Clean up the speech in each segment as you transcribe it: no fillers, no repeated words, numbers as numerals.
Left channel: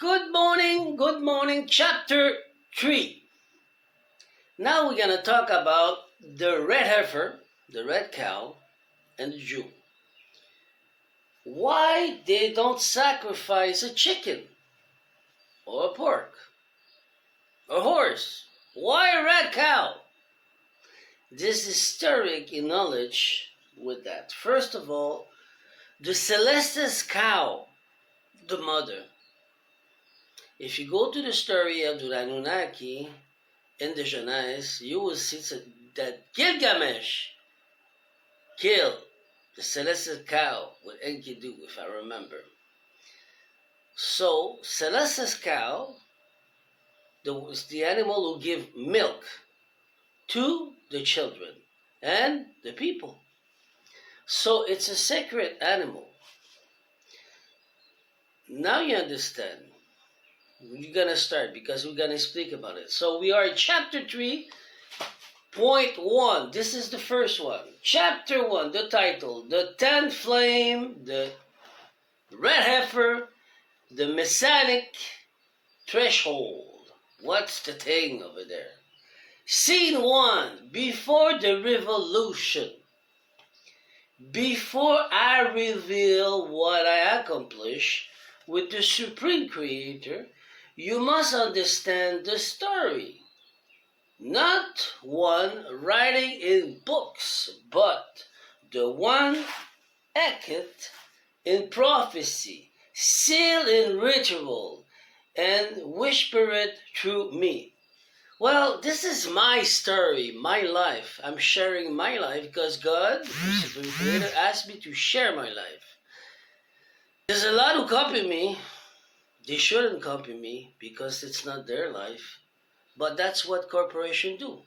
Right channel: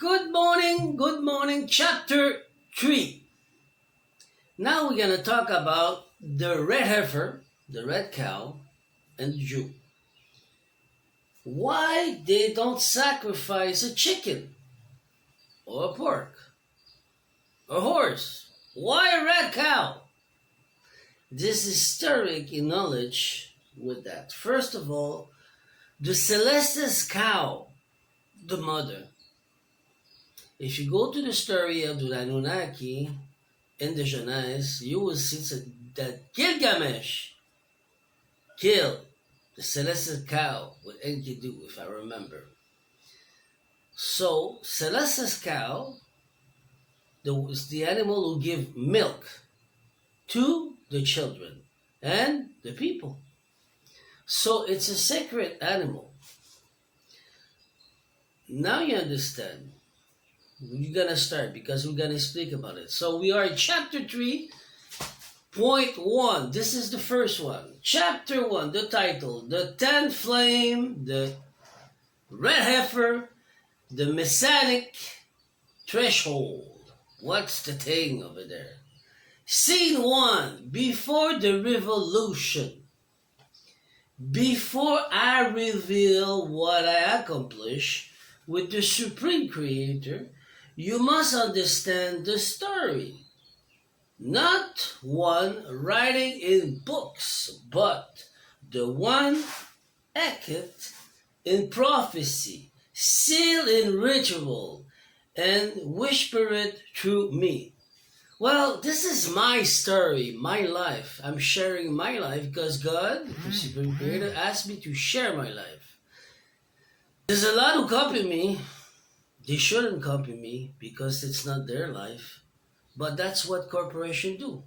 Good morning, chapter 3. Now we're going to talk about the red heifer, the red cow, and the Jew. Why they don't sacrifice a chicken, or a pork, a horse? Why a red cow? This is historic in knowledge with that. First of all, the celestial cow, the mother. If you go to the story of the Anunnaki in the Genèse, you will see that Gilgamesh killed the celestial cow with Enkidu, if I remember. So, celestial cow is the animal who give milk to the children and the people. So, it's a sacred animal. Now you understand. We're going to start because we're going to speak about it. So we are in chapter 3.1. This is the first one. Chapter 1, the title, the 10th flame, the red heifer, the Messianic threshold. What's the thing over there? Scene 1, before the revolution. Before I reveal what I accomplish with the Supreme Creator, you must understand the story. Not one writing in books, but the one etched in prophecy, sealed in ritual, and whispered through me. Well, this is my story, my life. I'm sharing my life because God, the Supreme Creator, asked me to share my life. There's a lot who copy me. They shouldn't copy me because it's not their life. But that's what corporations do.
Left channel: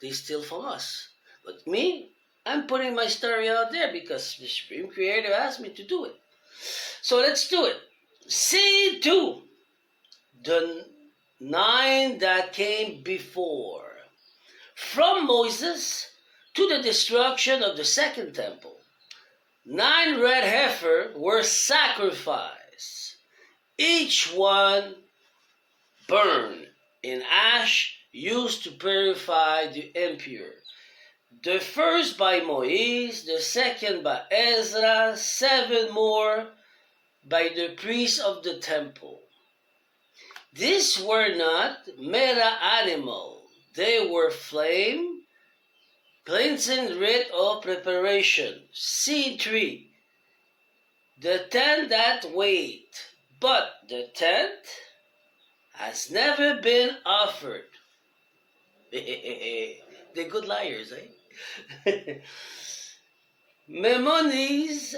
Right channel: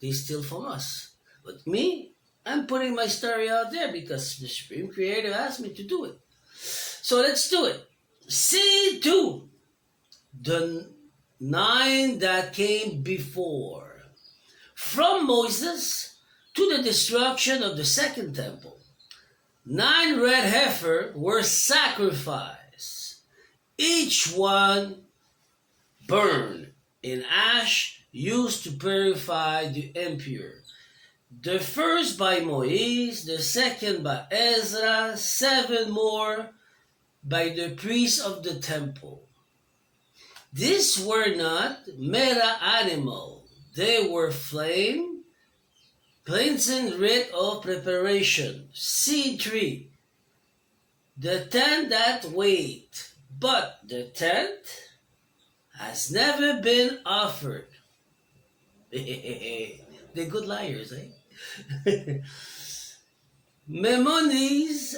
They steal from us. But me, I'm putting my story out there because the Supreme Creator asked me to do it. So let's do it. Scene 2. The 9 that came before. From Moses to the destruction of the second temple. 9 red heifers were sacrificed. Each one burned in ash used to purify the impure. The first by Moses, the second by Ezra, 7 more by the priests of the temple. These were not meta animals. They were flame, cleansing rite of preparation. C3. The 10 that wait. But the 10th has never been offered. They're good liars, eh? Maimonides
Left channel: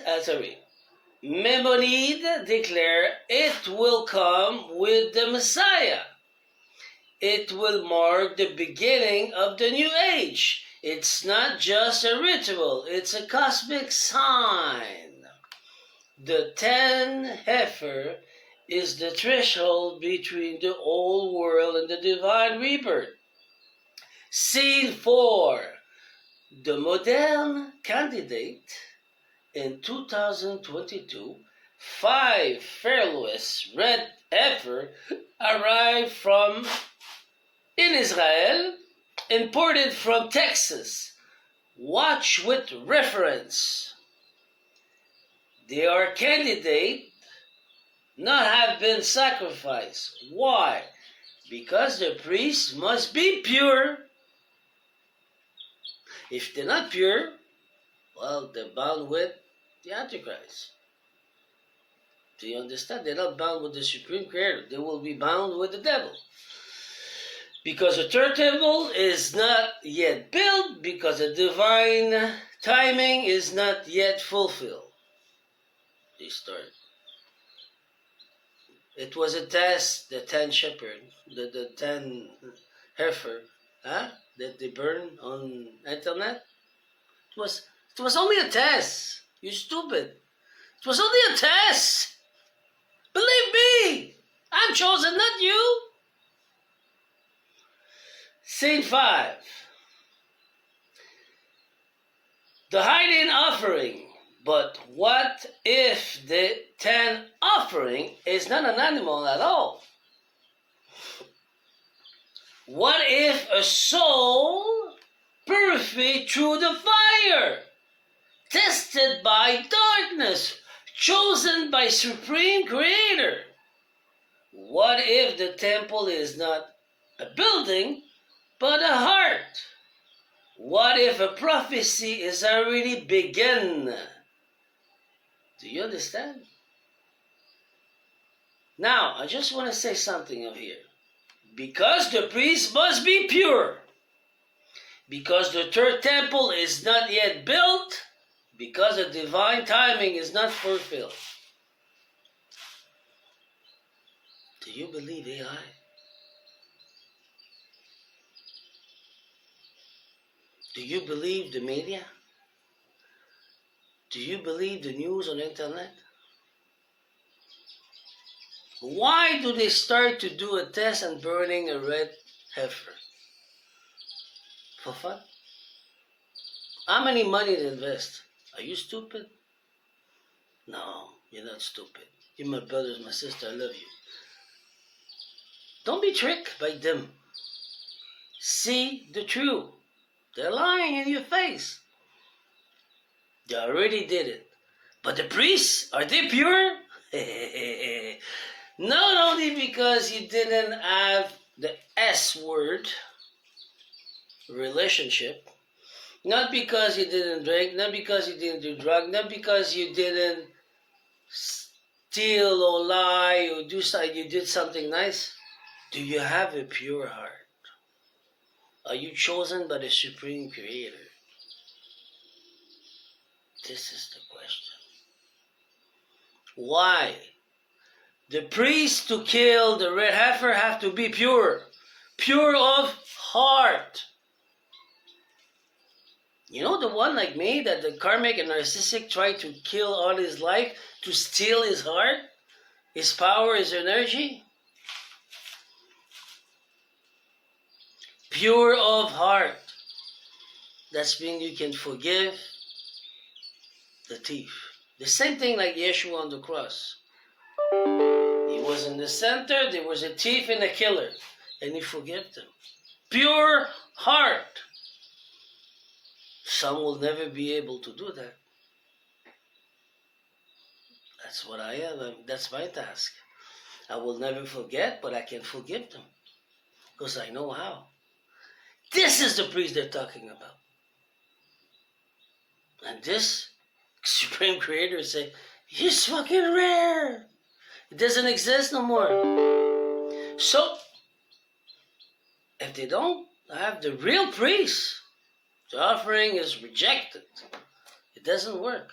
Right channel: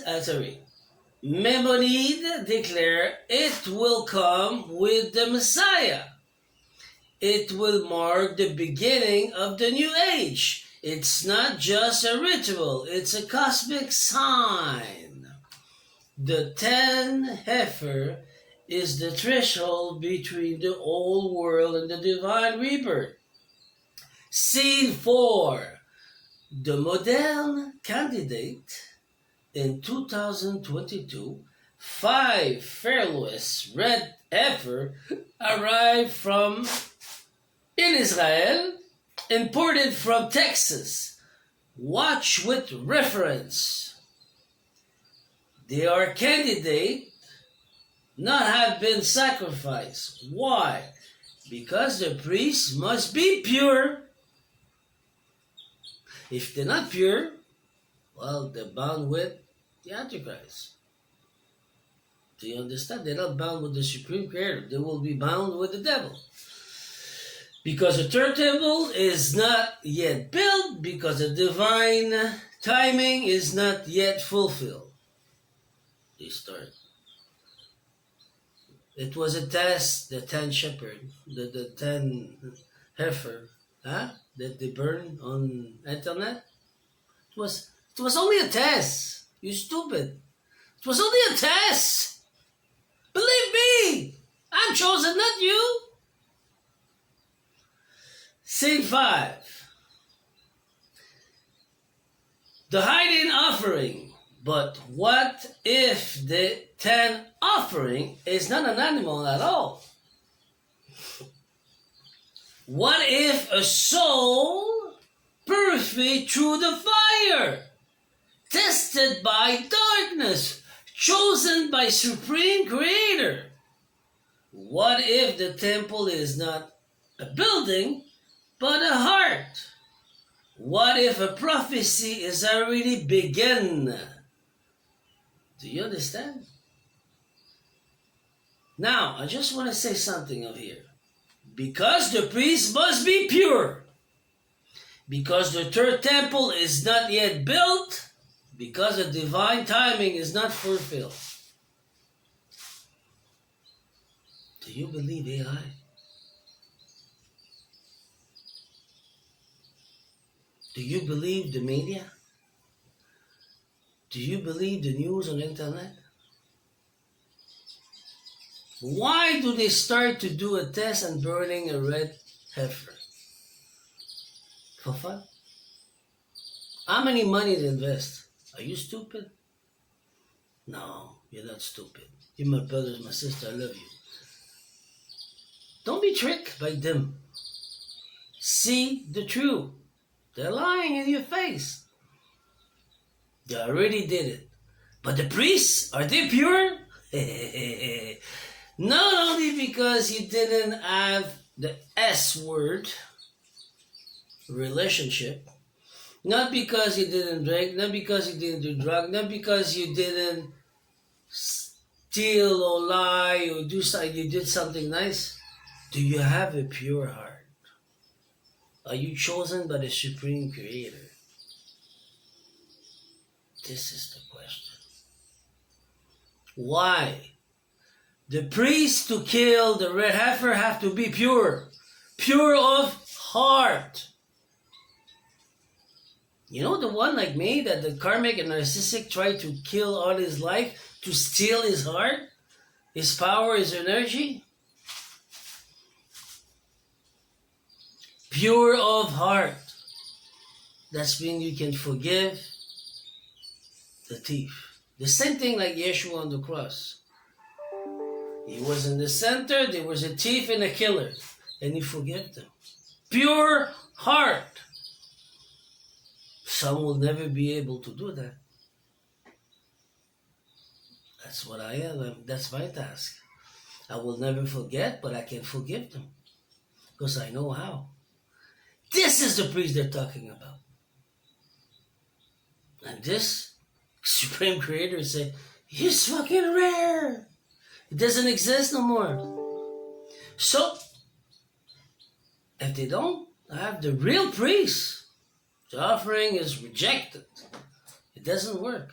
declare it will come with the Messiah. It will mark the beginning of the new age. It's not just a ritual, it's a cosmic sign. The 10 heifer is the threshold between the old world and the divine rebirth. Scene 4. The modern candidate in 2022, 5 fearless red heifer arrived in Israel, imported from Texas. Watch with reference. They are candidate not have been sacrificed. Why? Because the priests must be pure. If they're not pure, well, they're bound with the Antichrist. Do you understand? They're not bound with the Supreme Creator. They will be bound with the devil. Because the third temple is not yet built, because the divine timing is not yet fulfilled. They start. It was a test, the 10 shepherd, the 10 heifer, that they burned on internet. It was only a test. You stupid. It was only a test. Believe me, I'm chosen, not you. Scene 5. The hiding offering. But what if the 10 offering is not an animal at all? What if a soul purified through the fire, tested by darkness, chosen by Supreme Creator? What if the temple is not a building, but a heart? What if a prophecy is already begun? Do you understand? Now, I just want to say something over here. Because the priest must be pure, because the third temple is not yet built, because the divine timing is not fulfilled. Do you believe AI? Do you believe the media? Do you believe the news on the internet? Why do they start to do a test and burning a red heifer? For fun? How many money they invest? Are you stupid? No, you're not stupid. You're my brothers, my sister, I love you. Don't be tricked by them. See the truth. They're lying in your face. They already did it. But the priests, are they pure? Not only because you didn't have the S word, relationship, not because you didn't drink, not because you didn't do drugs, not because you didn't steal or lie or do something, you did something nice. Do you have a pure heart? Are you chosen by the Supreme Creator? This is the question. Why? The priest to kill the red heifer have to be pure. Pure of heart. You know the one like me that the karmic and narcissistic tried to kill all his life to steal his heart, his power, his energy? Pure of heart. That's when you can forgive the thief. The same thing like Yeshua on the cross. He was in the center, there was a thief and a killer, and he forgave them. Pure heart. Some will never be able to do that. That's what I am. That's my task. I will never forget, but I can forgive them because I know how. This is the priest they're talking about. And this Supreme Creator said, he's fucking rare. It doesn't exist no more. So, if they don't have the real priest, the offering is rejected. It doesn't work.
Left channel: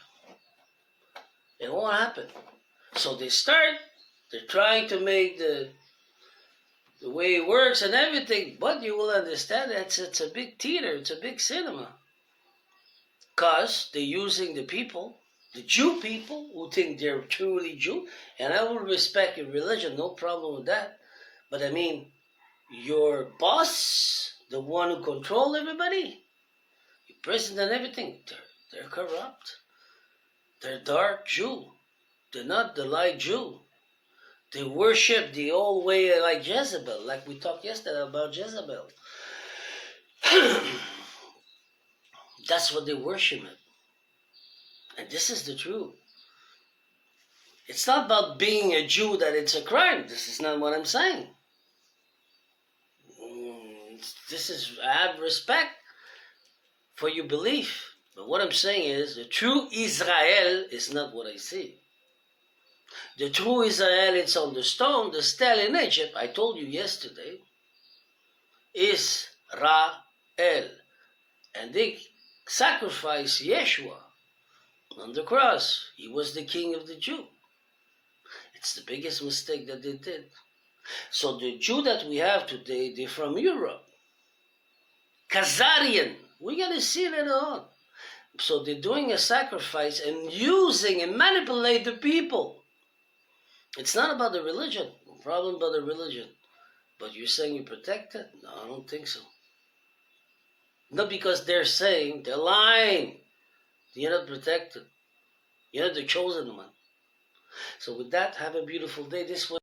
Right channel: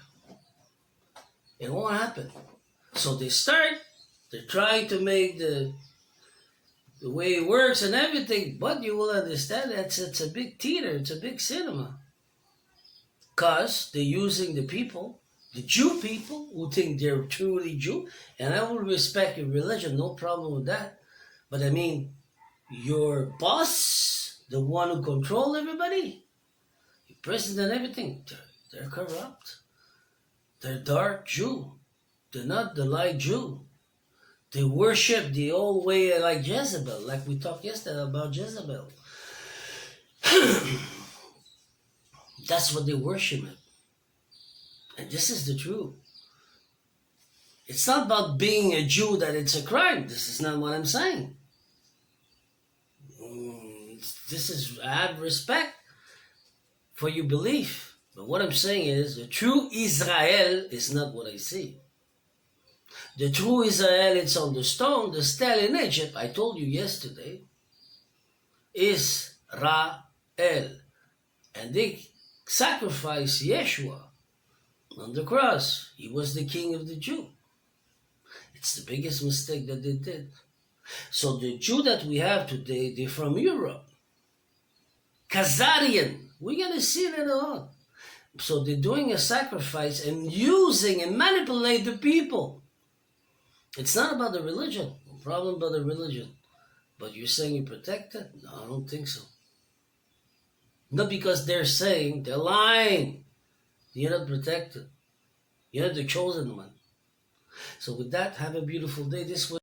It won't happen. So they're trying to make the way it works and everything, but you will understand that it's a big theater, it's a big cinema. Because they're using the people, the Jew people, who think they're truly Jew, and I will respect your religion, no problem with that. But I mean, your boss, the one who controls everybody, your president and everything, they're corrupt. They're dark Jew. They're not the light Jew. They worship the old way like Jezebel, like we talked yesterday about Jezebel. That's what they worship. And this is the truth. It's not about being a Jew that it's a crime. This is not what I'm saying. I have respect for your belief. But what I'm saying is the true Israel is not what I see. The true Israel, it's on the stone, the stele in Egypt, I told you yesterday, is Ra-El. And they sacrificed Yeshua on the cross. He was the king of the Jew. It's the biggest mistake that they did. So the Jew that we have today, they're from Europe. Khazarian. We're going to see it later on. So they're doing a sacrifice and using and manipulate the people. It's not about the religion. No problem about the religion. But you're saying you're protected? No, I don't think so. Not because they're saying, they're lying. You're not protected. You're not the chosen one. So with that, have a beautiful day. This was